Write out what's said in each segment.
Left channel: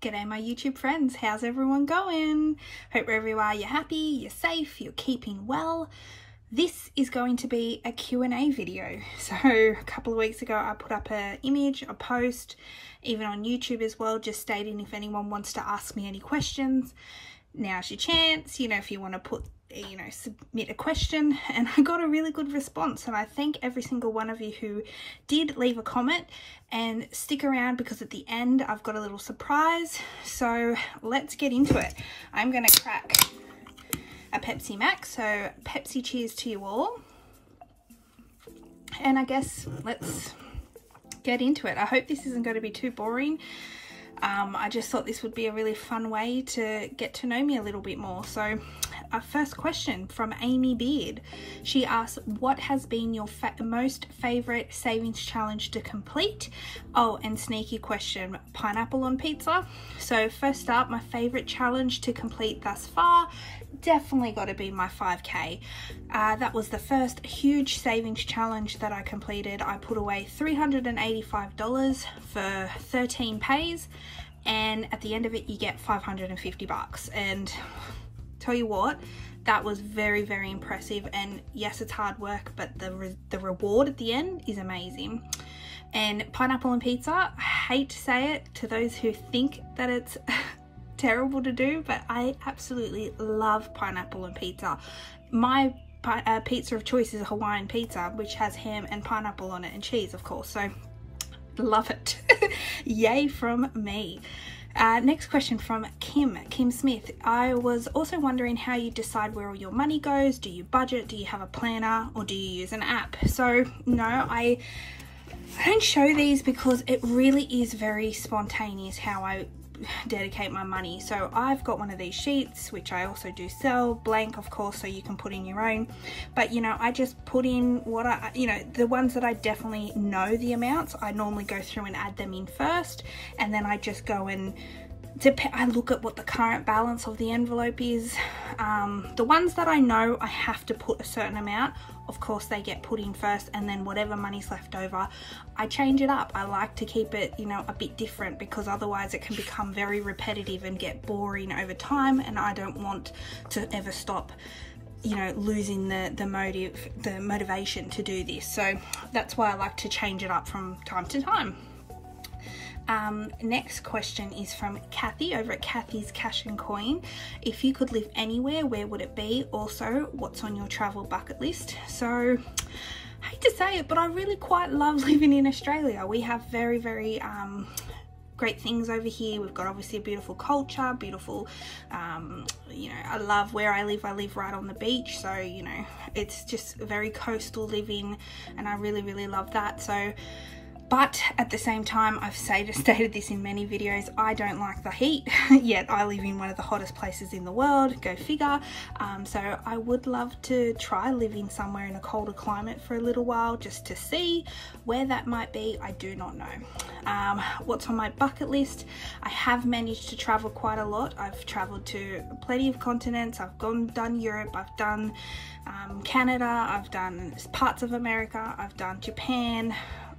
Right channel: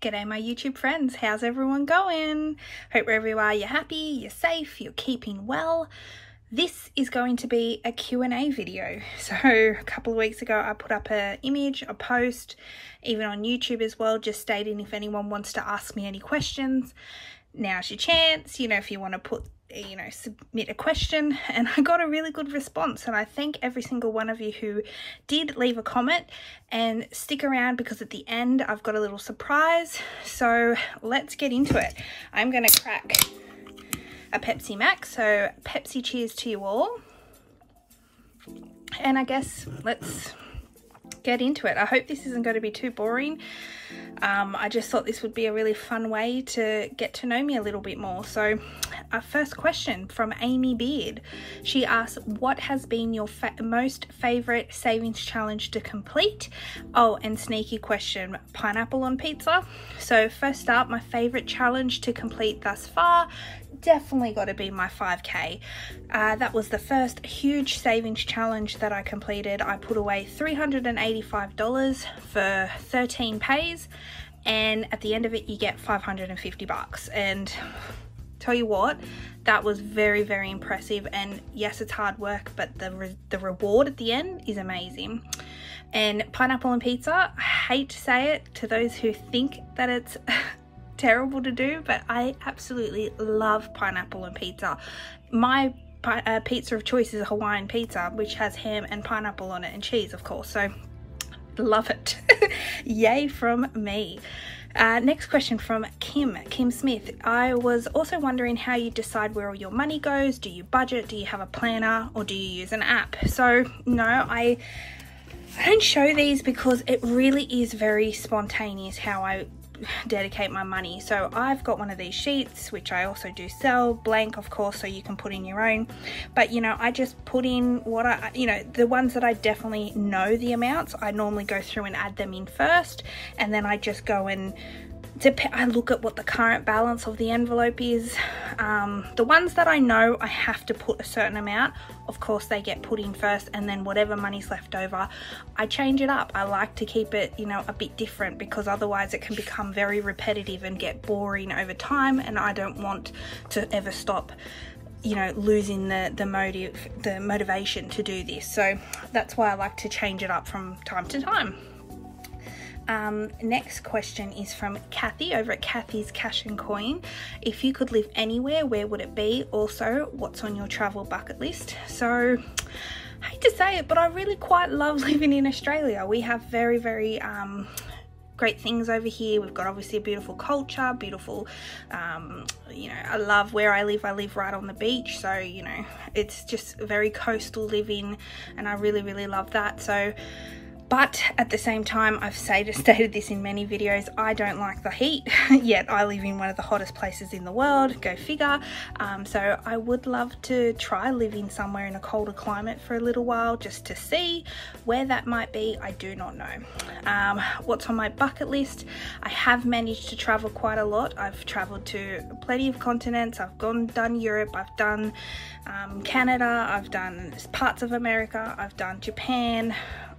G'day my YouTube friends, how's everyone going? Hope wherever you are, you're happy, you're safe, you're keeping well. This is going to be a Q&A video. So a couple of weeks ago I put up an image, a post, even on YouTube as well, just stating if anyone wants to ask me any questions. Now's your chance, if you want to put, submit a question. And I got a really good response, and I thank every single one of you who did leave a comment. And stick around because at the end I've got a little surprise. So let's get into it. I'm going to crack a Pepsi Max, so Pepsi cheers to you all. And I guess let's get into it. I hope this isn't going to be too boring. I just thought this would be a really fun way to get to know me a little bit more. So our first question from Amy Beard. She asks, what has been your most favorite savings challenge to complete? Oh, and sneaky question, pineapple on pizza. So first up, my favorite challenge to complete thus far, definitely got to be my 5K. That was the first huge savings challenge that I completed. I put away $385 for 13 pays, and at the end of it you get 550 bucks. And tell you what, that was very, very impressive. And yes, it's hard work, but the reward at the end is amazing. And pineapple and pizza, I hate to say it to those who think that it's terrible to do, but I absolutely love pineapple and pizza. My pizza of choice is a Hawaiian pizza, which has ham and pineapple on it, and cheese, of course, so love it. Yay from me. Next question from Kim Smith. I was also wondering how you decide where all your money goes. Do you budget? Do you have a planner, or do you use an app? So no, I don't show these because it really is very spontaneous how I dedicate my money. So I've got one of these sheets, which I also do sell, blank of course, so you can put in your own, but I just put in what the ones that I definitely know the amounts, I normally go through and add them in first, and then I just go and I look at what the current balance of the envelope is. The ones that I know I have to put a certain amount, of course they get put in first, and then whatever money's left over, I change it up. I like to keep it, a bit different, because otherwise it can become very repetitive and get boring over time, and I don't want to ever stop losing the motivation to do this. So that's why I like to change it up from time to time. Next question is from Kathy over at Kathy's Cash and Coin. If you could live anywhere, where would it be? Also, what's on your travel bucket list? So, I hate to say it, but I really quite love living in Australia. We have very, very great things over here. We've got obviously a beautiful culture, beautiful, I love where I live. I live right on the beach, so, it's just very coastal living, and I really, really love that. So, but at the same time, I've stated this in many videos, I don't like the heat, yet I live in one of the hottest places in the world, go figure. So I would love to try living somewhere in a colder climate for a little while, just to see where that might be. I do not know. What's on my bucket list? I have managed to travel quite a lot. I've traveled to plenty of continents. I've done Europe, I've done Canada, I've done parts of America, I've done Japan,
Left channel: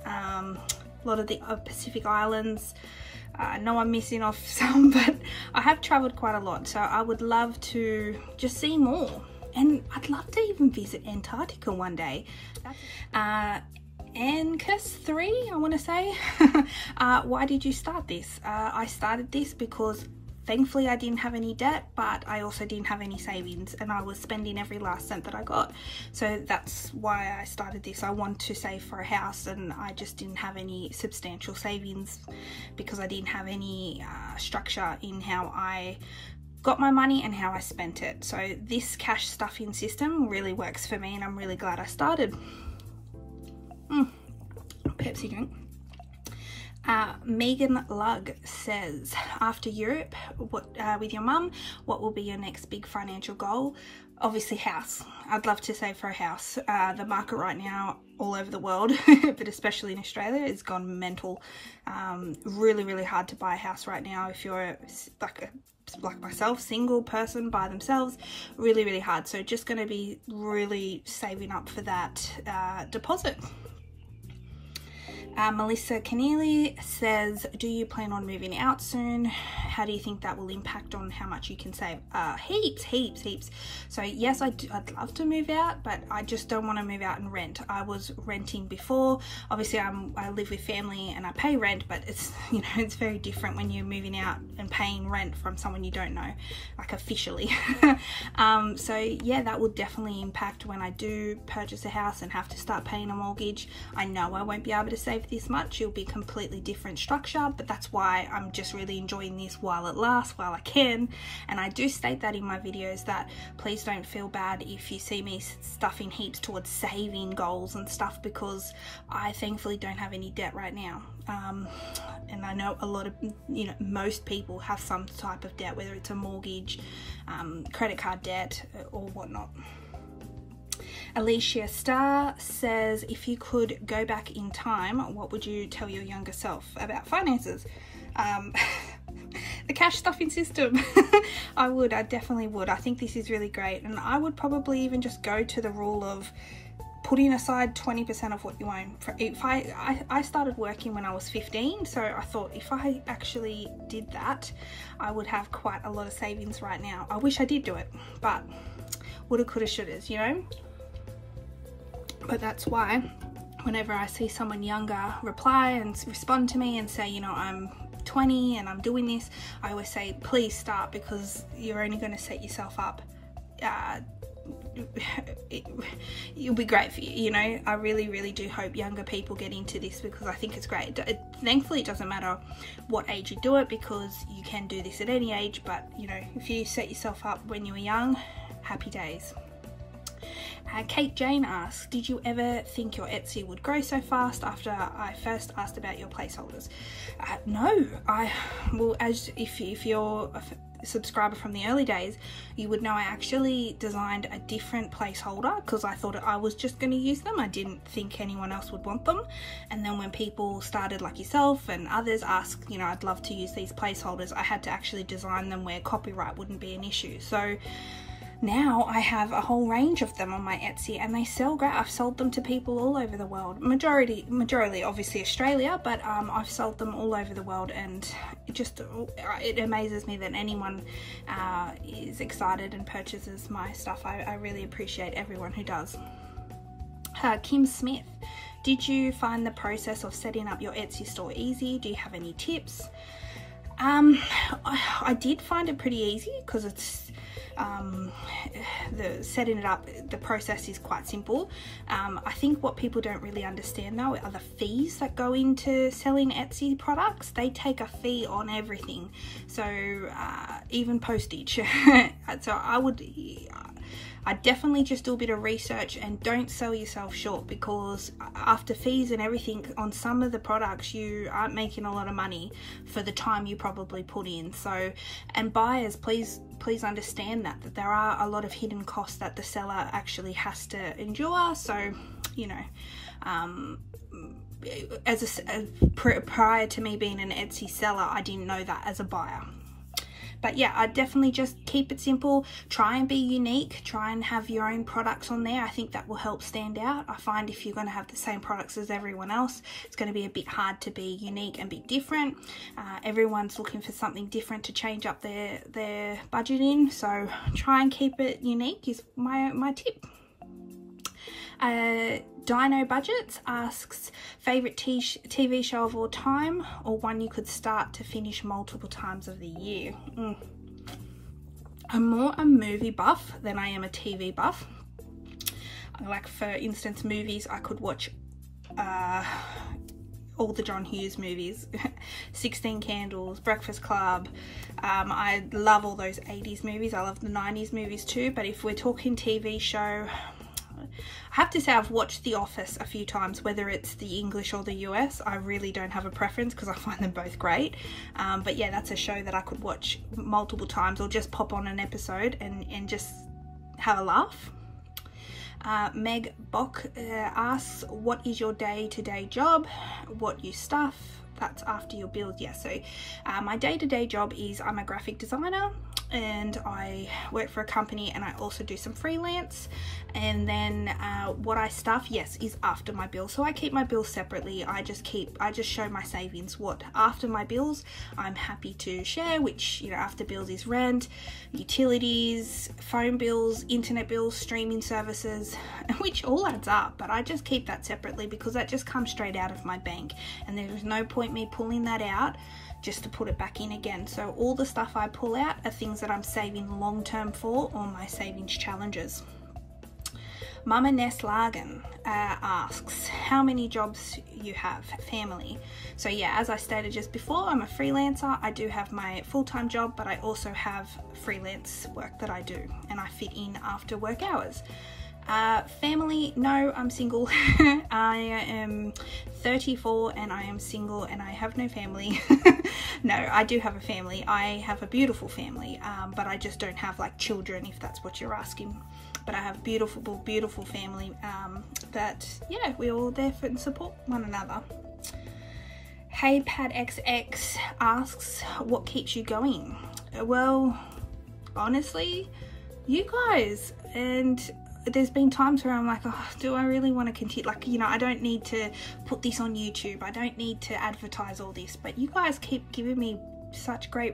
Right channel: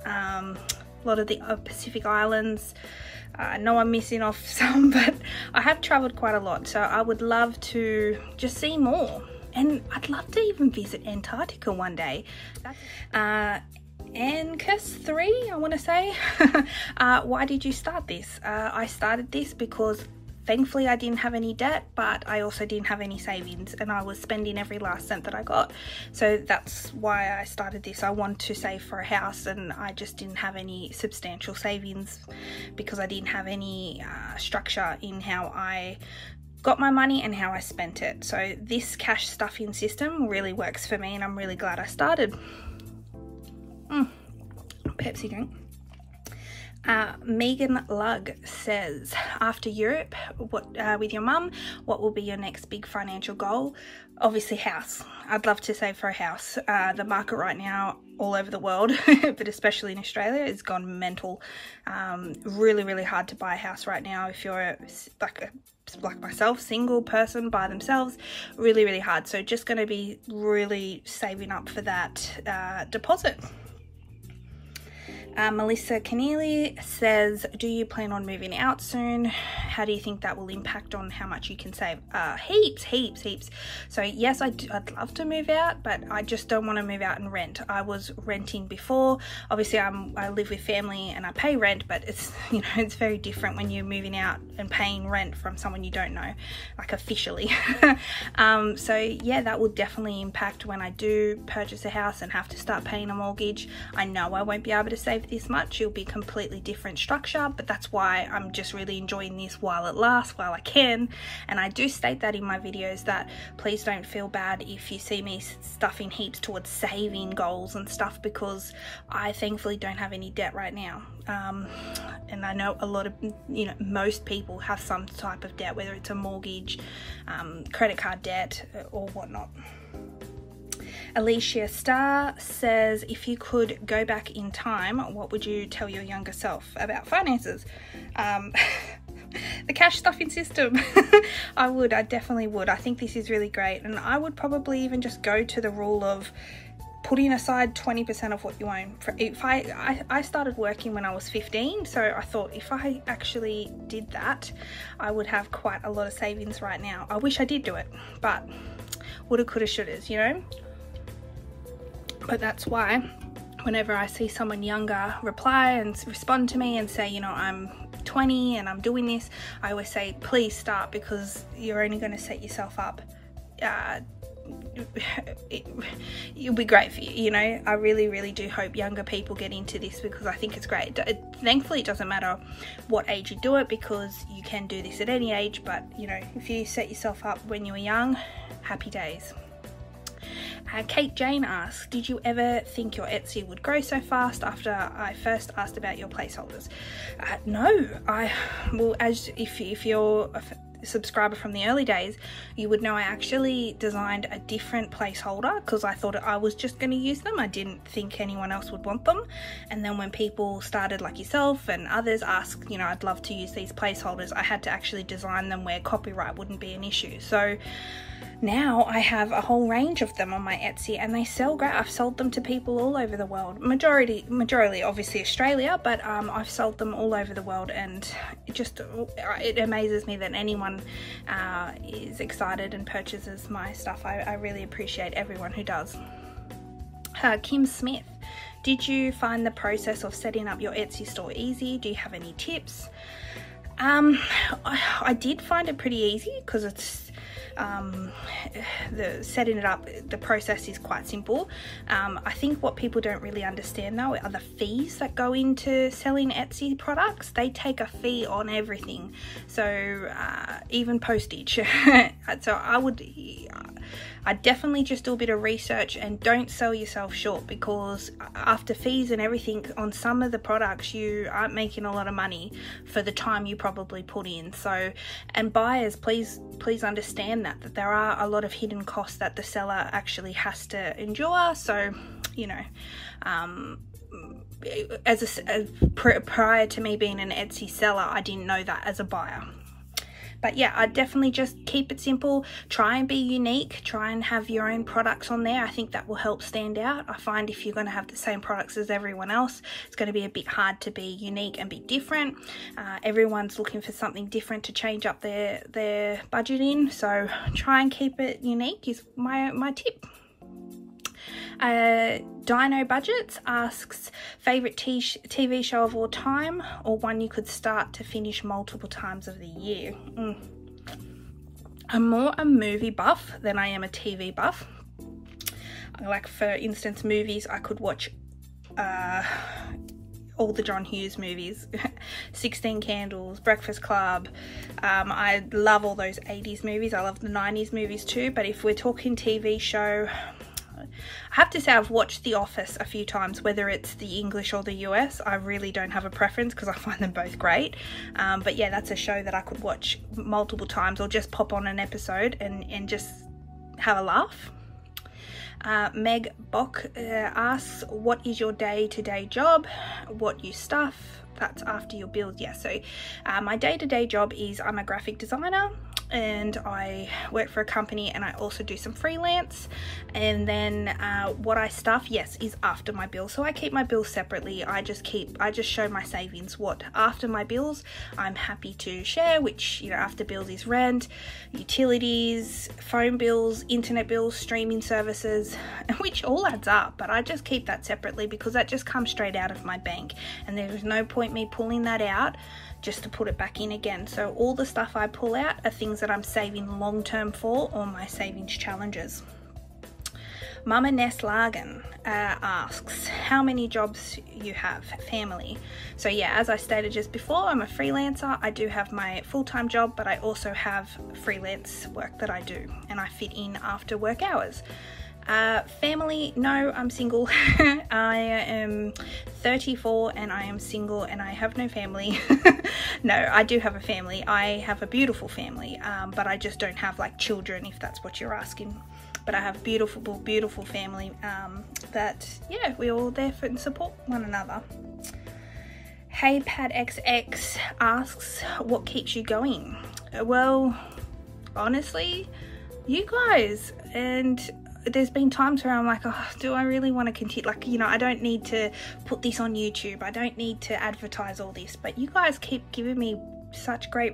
a lot of the Pacific Islands. I know I'm missing off some, but I have traveled quite a lot, so I would love to just see more, and I'd love to even visit Antarctica one day. Ancus 3, I want to say. Why did you start this? I started this because thankfully I didn't have any debt, but I also didn't have any savings, and I was spending every last cent that I got. So that's why I started this. I wanted to save for a house, and I just didn't have any substantial savings because I didn't have any structure in how I got my money and how I spent it. So this cash stuffing system really works for me, and I'm really glad I started. Pepsi drink. Megan Lugg says, after Europe, with your mum, what will be your next big financial goal? Obviously house. I'd love to save for a house. The market right now all over the world, but especially in Australia, has gone mental. Really, really hard to buy a house right now if you're like myself, single person by themselves. Really, really hard. So just going to be really saving up for that deposit. Melissa Keneally says, do you plan on moving out soon? how do you think that will impact on how much you can save? Heaps. So yes, I'd love to move out, but I just don't want to move out and rent. I was renting before. Obviously I live with family and I pay rent, but it's, you know, it's very different when you're moving out and paying rent from someone you don't know, like officially. So yeah, that will definitely impact when I do purchase a house and have to start paying a mortgage. I know I won't be able to save this much. It'll be a completely different structure, but that's why I'm just really enjoying this while it lasts, while I can. And I do state that in my videos, that please don't feel bad if you see me stuffing heaps towards saving goals and stuff, because I thankfully don't have any debt right now. And I know a lot of, you know, most people have some type of debt, whether it's a mortgage, credit card debt or whatnot. Alicia Star says, if you could go back in time, what would you tell your younger self about finances? The cash stuffing system. I definitely would. I think this is really great, and I would probably even just go to the rule of putting aside 20% of what you own. If I started working when I was 15, so I thought if I actually did that, I would have quite a lot of savings right now. I wish I did do it, but woulda, coulda, shouldas, you know? But that's why whenever I see someone younger reply and respond to me and say, you know, I'm 20 and I'm doing this, I always say, please start, because you're only going to set yourself up. It'll be great for you, you know. I really do hope younger people get into this, because I think it's great. Thankfully it doesn't matter what age you do it, because you can do this at any age, but you know, if you set yourself up when you were young, happy days. Kate Jane asks, did you ever think your Etsy would grow so fast after I first asked about your placeholders? No, well, if you're a subscriber from the early days, you would know I actually designed a different placeholder because I thought I was just going to use them. I didn't think anyone else would want them. And then when people started, like yourself and others, ask, you know, I'd love to use these placeholders, I had to actually design them where copyright wouldn't be an issue. So now I have a whole range of them on my Etsy, and they sell great. I've sold them to people all over the world. Majority obviously Australia, but I've sold them all over the world, and it amazes me that anyone is excited and purchases my stuff. I really appreciate everyone who does. Kim Smith, did you find the process of setting up your Etsy store easy? Do you have any tips? I did find it pretty easy, because it's setting it up, the process is quite simple. I think what people don't really understand though are the fees that go into selling Etsy products. They take a fee on everything, so even postage. So I'd definitely just do a bit of research and don't sell yourself short, because after fees and everything on some of the products, you aren't making a lot of money for the time you probably put in. So, and buyers, please understand that there are a lot of hidden costs that the seller actually has to endure. So, you know, prior to me being an Etsy seller, I didn't know that as a buyer. But yeah, I definitely just keep it simple. Try and be unique. Try and have your own products on there. I think that will help stand out. I find if you're going to have the same products as everyone else, it's going to be a bit hard to be unique and be different. Everyone's looking for something different to change up their budget in. So try and keep it unique is my tip. Dino Budgets asks, favourite TV show of all time, or one you could start to finish multiple times of the year? I'm more a movie buff than I am a TV buff. Like, for instance, movies, I could watch all the John Hughes movies, 16 Candles, Breakfast Club. I love all those 80s movies. I love the 90s movies too, but if we're talking TV show, I have to say I've watched The Office a few times, whether it's the English or the US. I really don't have a preference because I find them both great. But yeah, that's a show that I could watch multiple times, or just pop on an episode and just have a laugh. Meg Bock asks, what is your day-to-day job? What you stuff? that's after your bills. Yeah, so my day-to-day job is I'm a graphic designer and I work for a company, and I also do some freelance. And then what I stuff, yes, is after my bills. So I keep my bills separately. I just show my savings. What after my bills I'm happy to share, which, you know, after bills is rent, utilities, phone bills, internet bills, streaming services, which all adds up. But I just keep that separately because that just comes straight out of my bank, and there is no point me pulling that out just to put it back in again. So all the stuff I pull out are things that I'm saving long term for, or my savings challenges. Mama Neslagen asks how many jobs you have, family. So yeah, as I stated just before, I'm a freelancer. I do have my full-time job, but I also have freelance work that I do, and I fit in after work hours. Family, no, I'm single. I am 34 and I am single and I have no family. No, I do have a family. I have a beautiful family, but I just don't have like children, if that's what you're asking. But I have beautiful, beautiful family that, yeah, we're all there for and support one another. Hey Pad XX asks, what keeps you going? Well, honestly, you guys. And there's been times where I'm like, oh, do I really want to continue? Like, you know, I don't need to put this on YouTube. I don't need to advertise all this. But you guys keep giving me such great,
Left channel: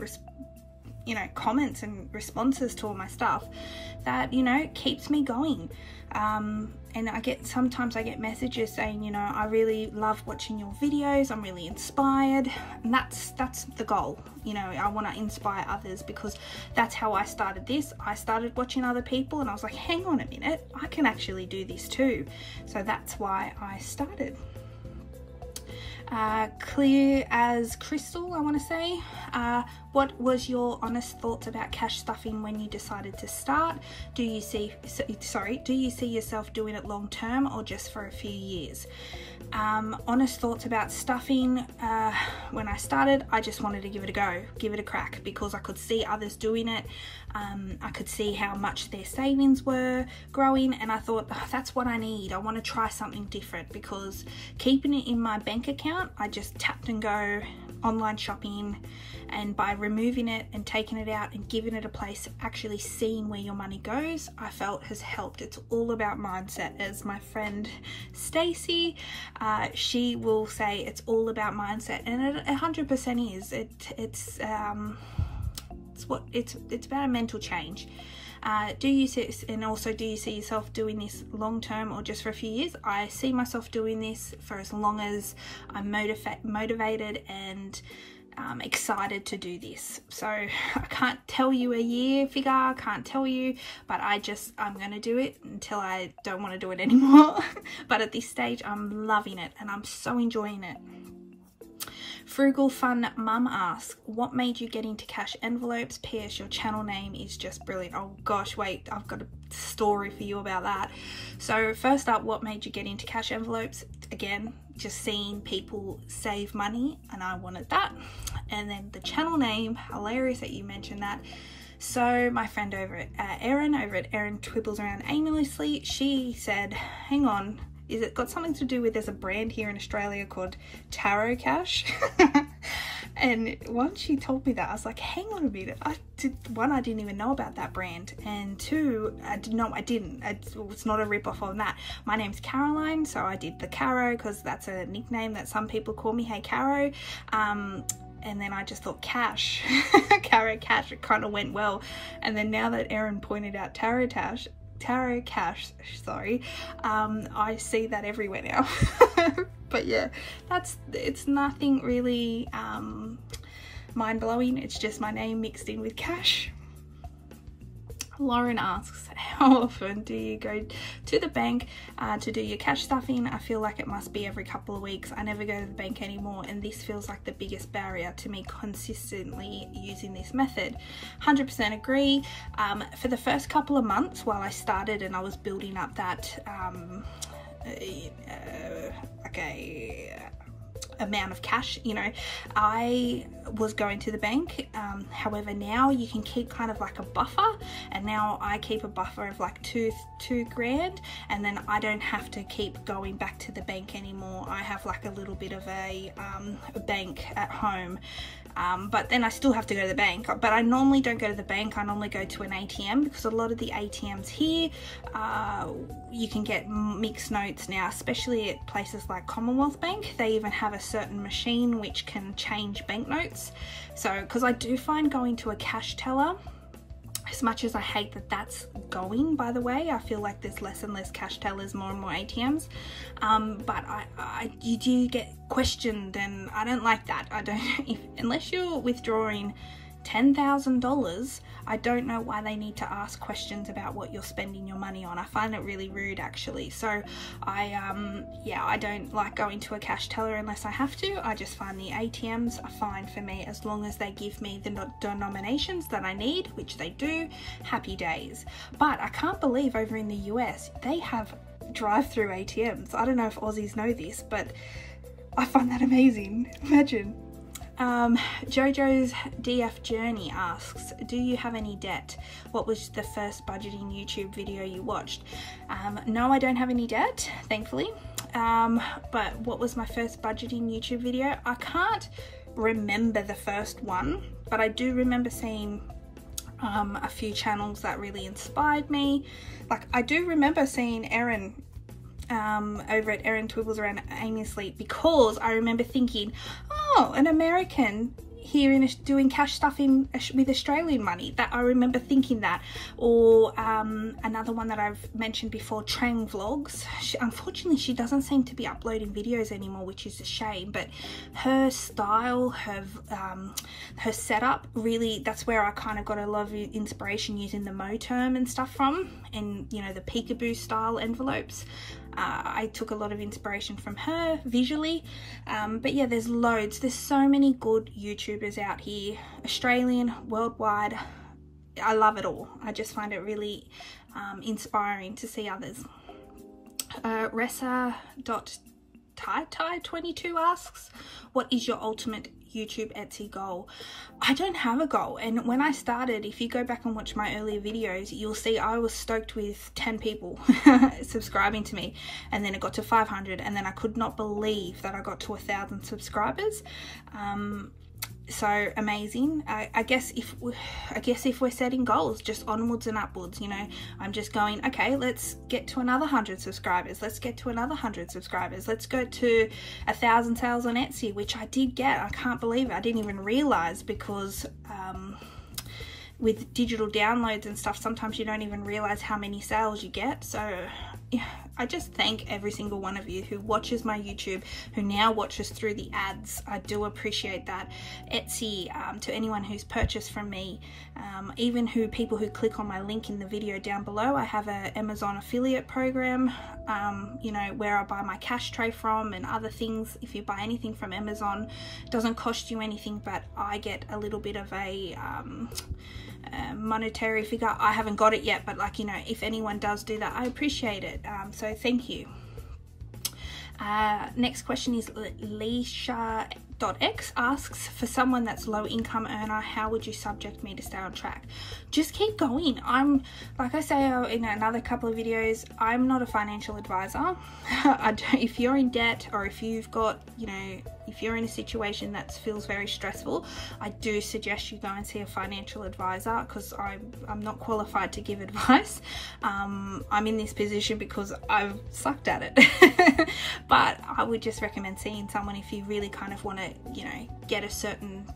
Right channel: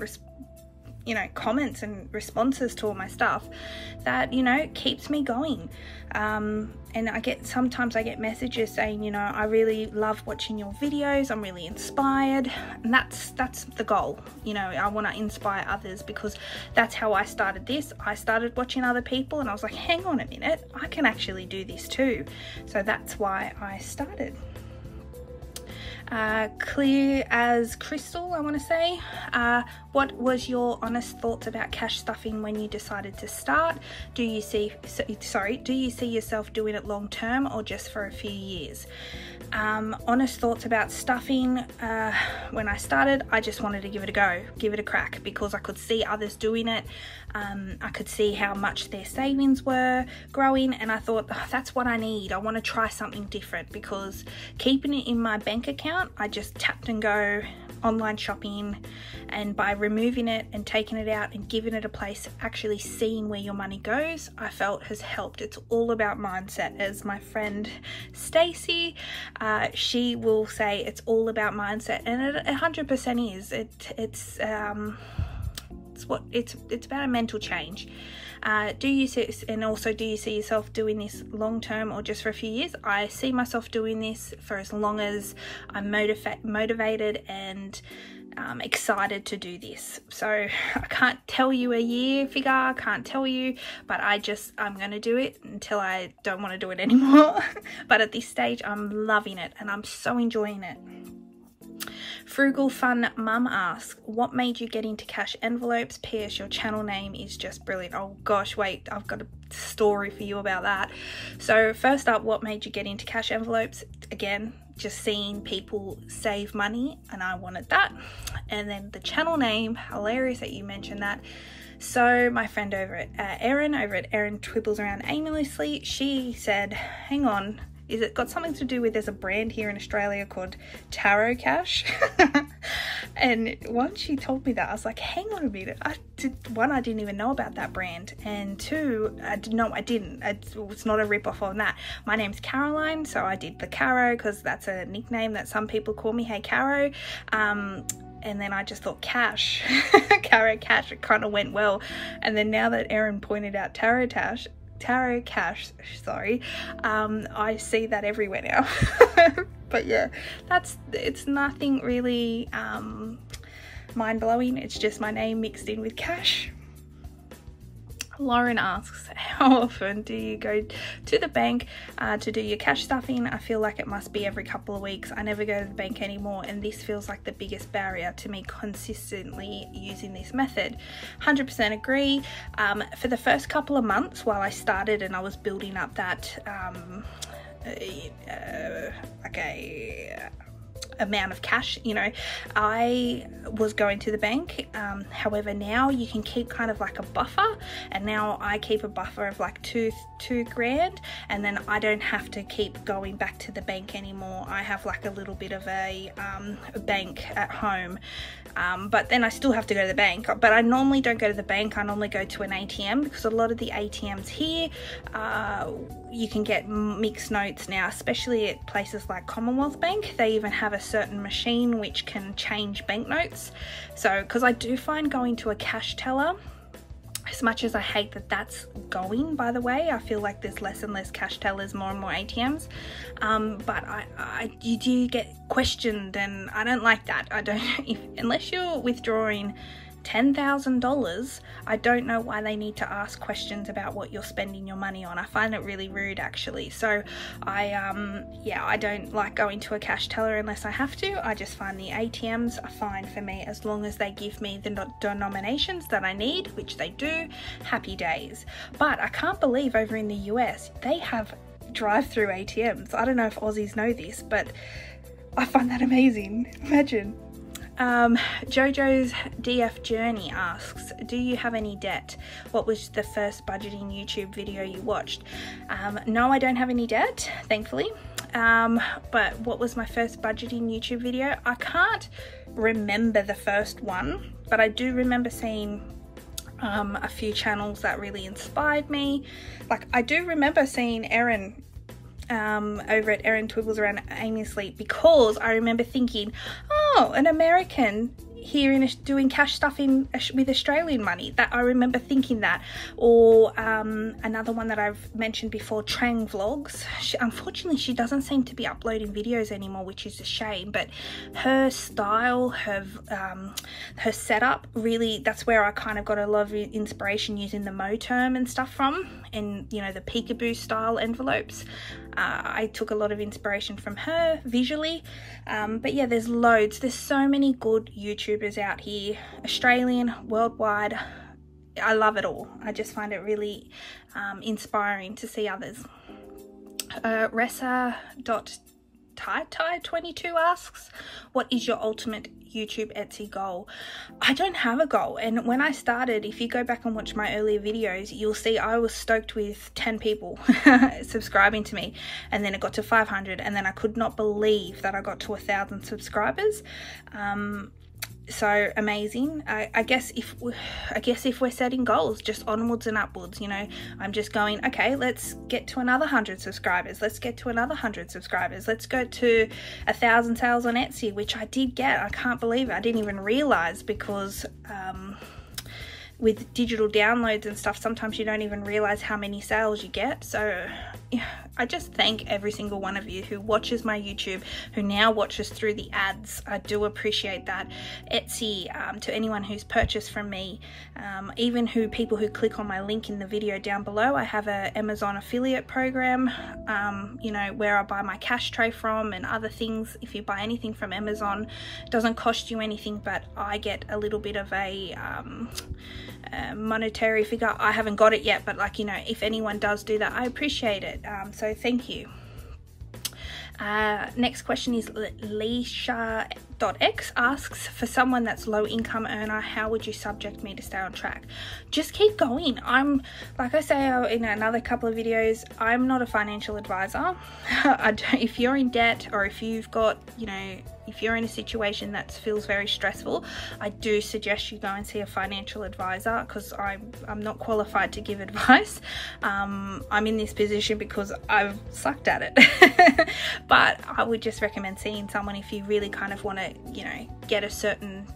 you know, comments and responses to all my stuff that, you know, keeps me going. And sometimes I get messages saying, you know, I really love watching your videos. I'm really inspired. And that's the goal. You know, I want to inspire others, because that's how I started this. I started watching other people and I was like, hang on a minute, I can actually do this too. So that's why I started. Clear as crystal, I want to say. What was your honest thoughts about cash stuffing when you decided to start? Do you see yourself doing it long term or just for a few years? Honest thoughts about stuffing. When I started, I just wanted to give it a go, give it a crack, because I could see others doing it. I could see how much their savings were growing, and I thought, oh, that's what I need. I want to try something different, because keeping it in my bank account, I just tapped and go online shopping, and by removing it and taking it out and giving it a place, actually seeing where your money goes, I felt has helped. It's all about mindset. As my friend Stacy, she will say it's all about mindset, and it 100% is. It's about a mental change. Do you see yourself doing this long term or just for a few years? I see myself doing this for as long as I'm motivated and excited to do this. So I can't tell you a year figure, I can't tell you, but I'm going to do it until I don't want to do it anymore. But at this stage, I'm loving it and I'm so enjoying it. Frugal Fun Mum asks, what made you get into cash envelopes? PS, your channel name is just brilliant. Oh gosh, wait, I've got a story for you about that. So first up, what made you get into cash envelopes? Again, just seeing people save money and I wanted that. And then the channel name, hilarious that you mentioned that. So my friend over at Erin Twibbles Around Aimlessly, she said, hang on, is it got something to do with, there's a brand here in Australia called CAROCASH? And once she told me that, I was like, hang on a minute. I didn't even know about that brand. And two, I didn't. It's not a rip-off on that. My name's Caroline, so I did the Caro because that's a nickname that some people call me. Hey, Caro. And then I just thought cash, CAROCASH, it kind of went well. And then now that Erin pointed out CAROCASH, sorry, I see that everywhere now. But yeah, it's nothing really mind-blowing. It's just my name mixed in with cash. Lauren asks, how often do you go to the bank to do your cash stuffing? I feel like it must be every couple of weeks. I never go to the bank anymore, and this feels like the biggest barrier to me consistently using this method. 100% agree. For the first couple of months while I started and I was building up that amount of cash, you know. I was going to the bank, however now you can keep kind of like a buffer, and now I keep a buffer of like two grand, and then I don't have to keep going back to the bank anymore. I have like a little bit of a bank at home, but then I still have to go to the bank. But I normally don't go to the bank, I normally go to an ATM, because a lot of the ATMs here, you can get mixed notes now, especially at places like Commonwealth Bank. They even have a certain machine which can change banknotes. So, because I do find going to a cash teller, as much as I hate that that's going, by the way, I feel like there's less and less cash tellers, more and more ATMs, but you do get questioned, and I don't like that. I don't, unless you're withdrawing $10,000, I don't know why they need to ask questions about what you're spending your money on. I find it really rude, actually. So I don't like going to a cash teller unless I have to. I just find the ATMs are fine for me, as long as they give me the denominations that I need, which they do. Happy days. But I can't believe over in the US they have drive-through ATMs. I don't know if Aussies know this, but I find that amazing. Imagine. Jojo's DF Journey asks, do you have any debt? What was the first budgeting YouTube video you watched? No, I don't have any debt, thankfully. But what was my first budgeting YouTube video? I can't remember the first one, but I do remember seeing a few channels that really inspired me. Like, I do remember seeing Erin over at Erin Twiggles Around Aimlessly, because I remember thinking, oh, an American here in doing cash stuff with Australian money. That I remember thinking that. Or another one that I've mentioned before, Trang Vlogs. Unfortunately, she doesn't seem to be uploading videos anymore, which is a shame, but her style, her setup, really, that's where I kind of got a lot of inspiration using the Moterm and stuff from, and you know, the peekaboo style envelopes. I took a lot of inspiration from her visually, but yeah, there's loads. There's so many good YouTubers out here, Australian, worldwide. I love it all. I just find it really inspiring to see others. Ressa.tai22 asks, what is your ultimate YouTube Etsy goal? I don't have a goal, and when I started, if you go back and watch my earlier videos, you'll see I was stoked with 10 people subscribing to me, and then it got to 500, and then I could not believe that I got to 1,000 subscribers. So amazing. I guess if we're setting goals, just onwards and upwards, you know, I'm just going, okay, let's get to another 100 subscribers, let's get to another 100 subscribers, let's go to 1,000 sales on Etsy, which I did get. I can't believe it. I didn't even realize, because with digital downloads and stuff, sometimes you don't even realize how many sales you get. So yeah, I just thank every single one of you who watches my YouTube, who now watches through the ads. I do appreciate that. Etsy, to anyone who's purchased from me, even people who click on my link in the video down below. I have a Amazon affiliate program, you know, where I buy my cash tray from and other things. If you buy anything from Amazon, it doesn't cost you anything, but I get a little bit of a monetary figure. I haven't got it yet, but like, you know, if anyone does do that, I appreciate it. So thank you. Next question is Lisha.x asks, for someone that's low income earner, how would you subject me to stay on track? Just keep going. I'm, like I say in another couple of videos, I'm not a financial advisor. If you're in debt, or if you've got, you know, if you're in a situation that feels very stressful, I do suggest you go and see a financial advisor, because I'm not qualified to give advice. I'm in this position because I've sucked at it. But I would just recommend seeing someone if you really kind of want to, you know, get a certain,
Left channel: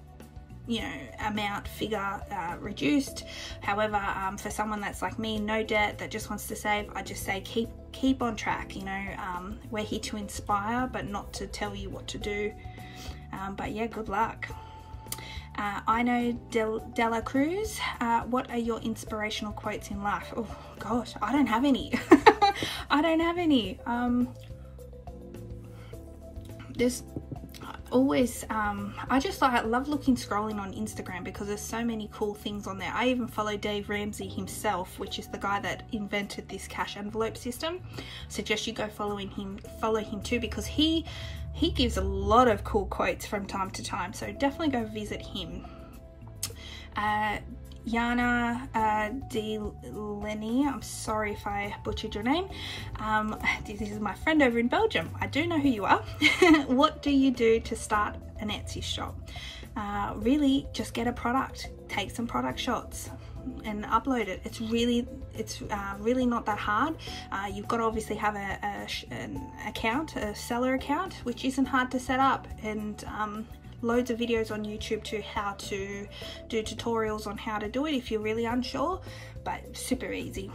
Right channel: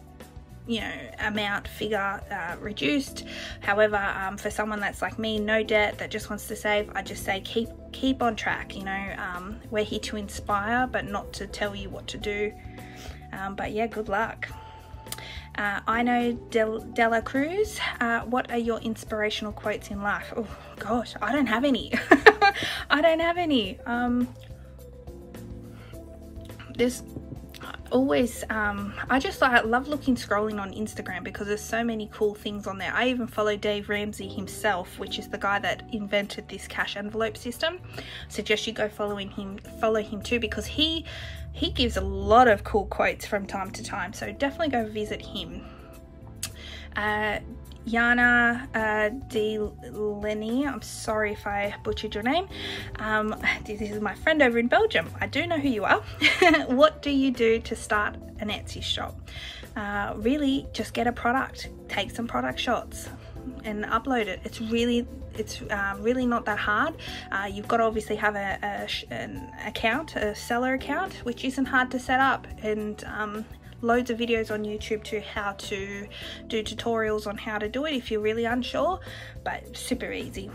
you know, amount figure reduced. However, for someone that's like me, no debt, that just wants to save, I just say keep on track. You know, we're here to inspire, but not to tell you what to do. But yeah, good luck. I know Della Cruz, what are your inspirational quotes in life? Oh gosh, I don't have any. I don't have any. always I love scrolling on Instagram because there's so many cool things on there. I even follow Dave Ramsey himself, which is the guy that invented this cash envelope system. I suggest you go follow him too, because he gives a lot of cool quotes from time to time, so definitely go visit him. Janna Lenny, I'm sorry if I butchered your name. This is my friend over in Belgium. I do know who you are. What do you do to start an Etsy shop? Really just get a product, take some product shots and upload it. It's really not that hard. You've got to obviously have an account, a seller account, which isn't hard to set up, and loads of videos on YouTube to how to do tutorials on how to do it if you're really unsure, but super easy.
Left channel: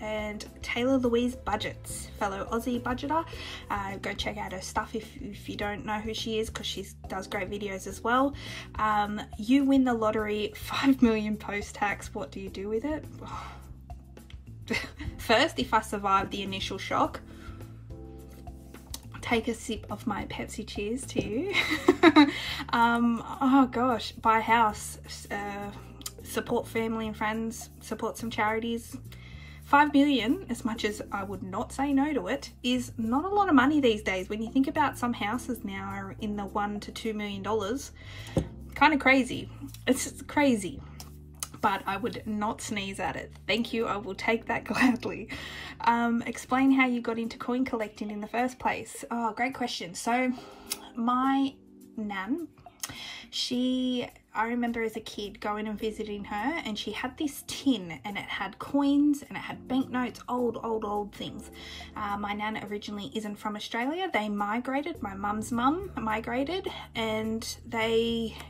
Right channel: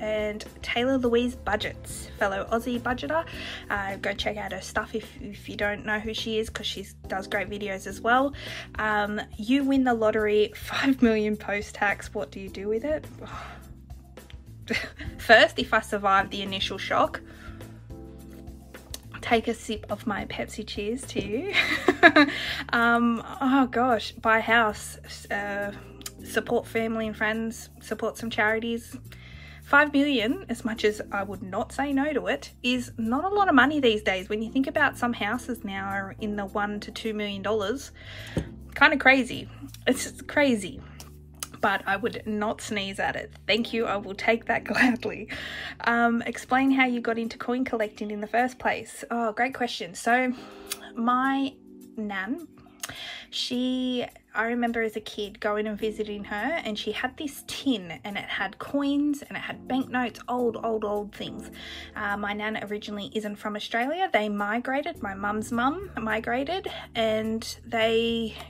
And Taylor Louise Budgets, fellow Aussie budgeter, go check out her stuff if you don't know who she is, because she does great videos as well. You win the lottery, 5 million post-tax, what do you do with it? First, if I survive the initial shock, take a sip of my Pepsi. Cheers to you. Oh gosh, buy a house, support family and friends, support some charities. 5 million, as much as I would not say no to it, is not a lot of money these days. When you think about some houses now are in the $1 to $2 million, kind of crazy. It's crazy. But I would not sneeze at it. Thank you, I will take that gladly. Explain how you got into coin collecting in the first place. Oh, great question. So my nan, I remember as a kid going and visiting her, and she had this tin and it had coins and it had banknotes, old things. My nan originally isn't from Australia. They migrated, my mum's mum migrated, and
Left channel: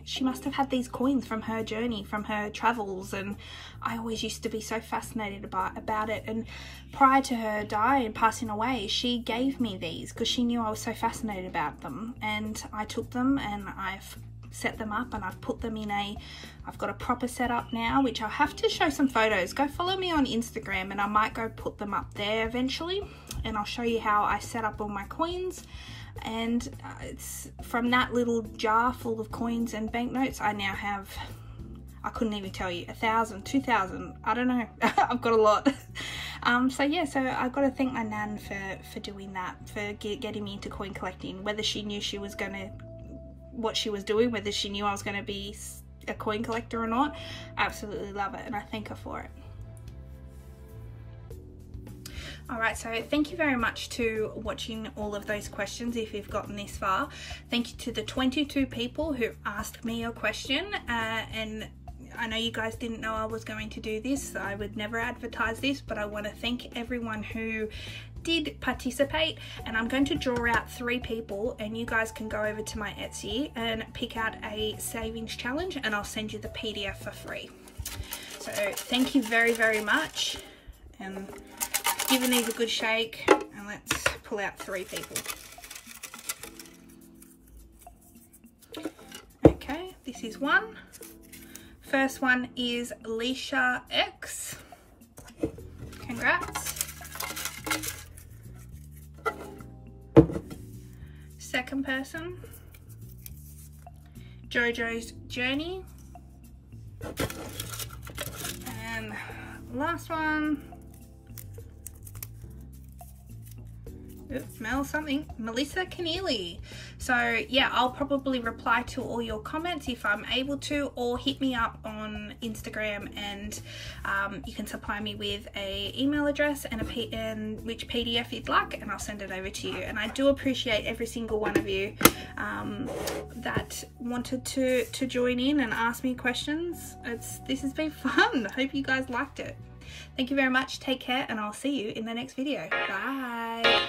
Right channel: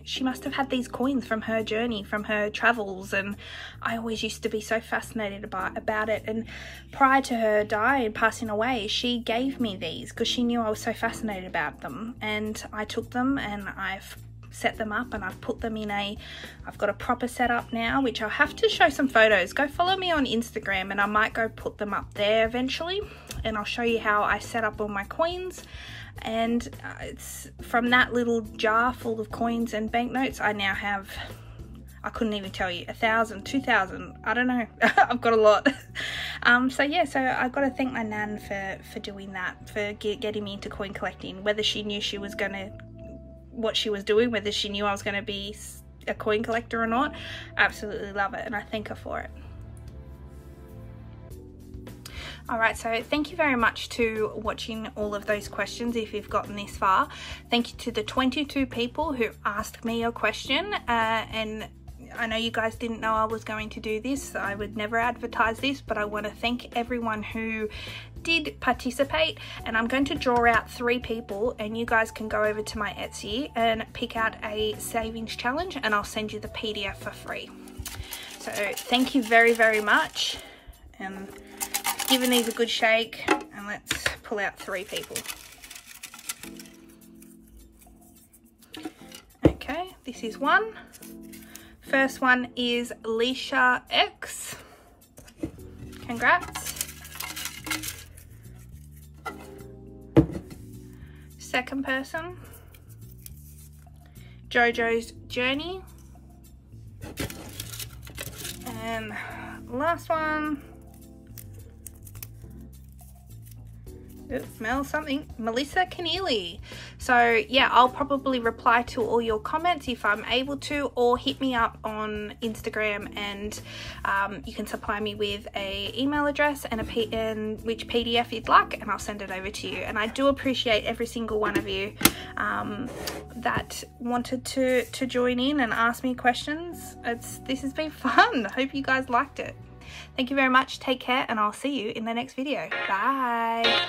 she must have had these coins from her journey, from her travels, and I always used to be so fascinated about it. And prior to her dying and passing away, she gave me these because she knew I was so fascinated about them, and I took them and I've set them up and I've put them in I've got a proper setup now, which I'll have to show some photos. Go follow me on Instagram and I might go put them up there eventually, and I'll show you how I set up all my coins. And it's from that little jar full of coins and banknotes, I now have, I couldn't even tell you, 1,000, 2,000, I don't know. I've got a lot. So yeah, so I've got to thank my nan for doing that, for getting me into coin collecting. Whether she knew she was gonna, what she was doing, whether she knew I was going to be a coin collector or not, absolutely love it, and I thank her for it. Alright, so thank you very much to watching all of those questions if you've gotten this far. Thank you to the 22 people who asked me a question, and I know you guys didn't know I was going to do this. I would never advertise this, but I want to thank everyone who did participate, and I'm going to draw out 3 people, and you guys can go over to my Etsy and pick out a savings challenge, and I'll send you the PDF for free. So thank you very, very much, and giving these a good shake, and let's pull out 3 people. Okay, this is one. First one is Lisha X. Congrats. Second person, Jojo's Journey. And last one, smell something, Melissa Keneally. So yeah, I'll probably reply to all your comments if I'm able to, or hit me up on Instagram, and you can supply me with a email address and which PDF you'd like, and I'll send it over to you. And I do appreciate every single one of you that wanted to join in and ask me questions. This has been fun. I hope you guys liked it. Thank you very much. Take care, and I'll see you in the next video. Bye.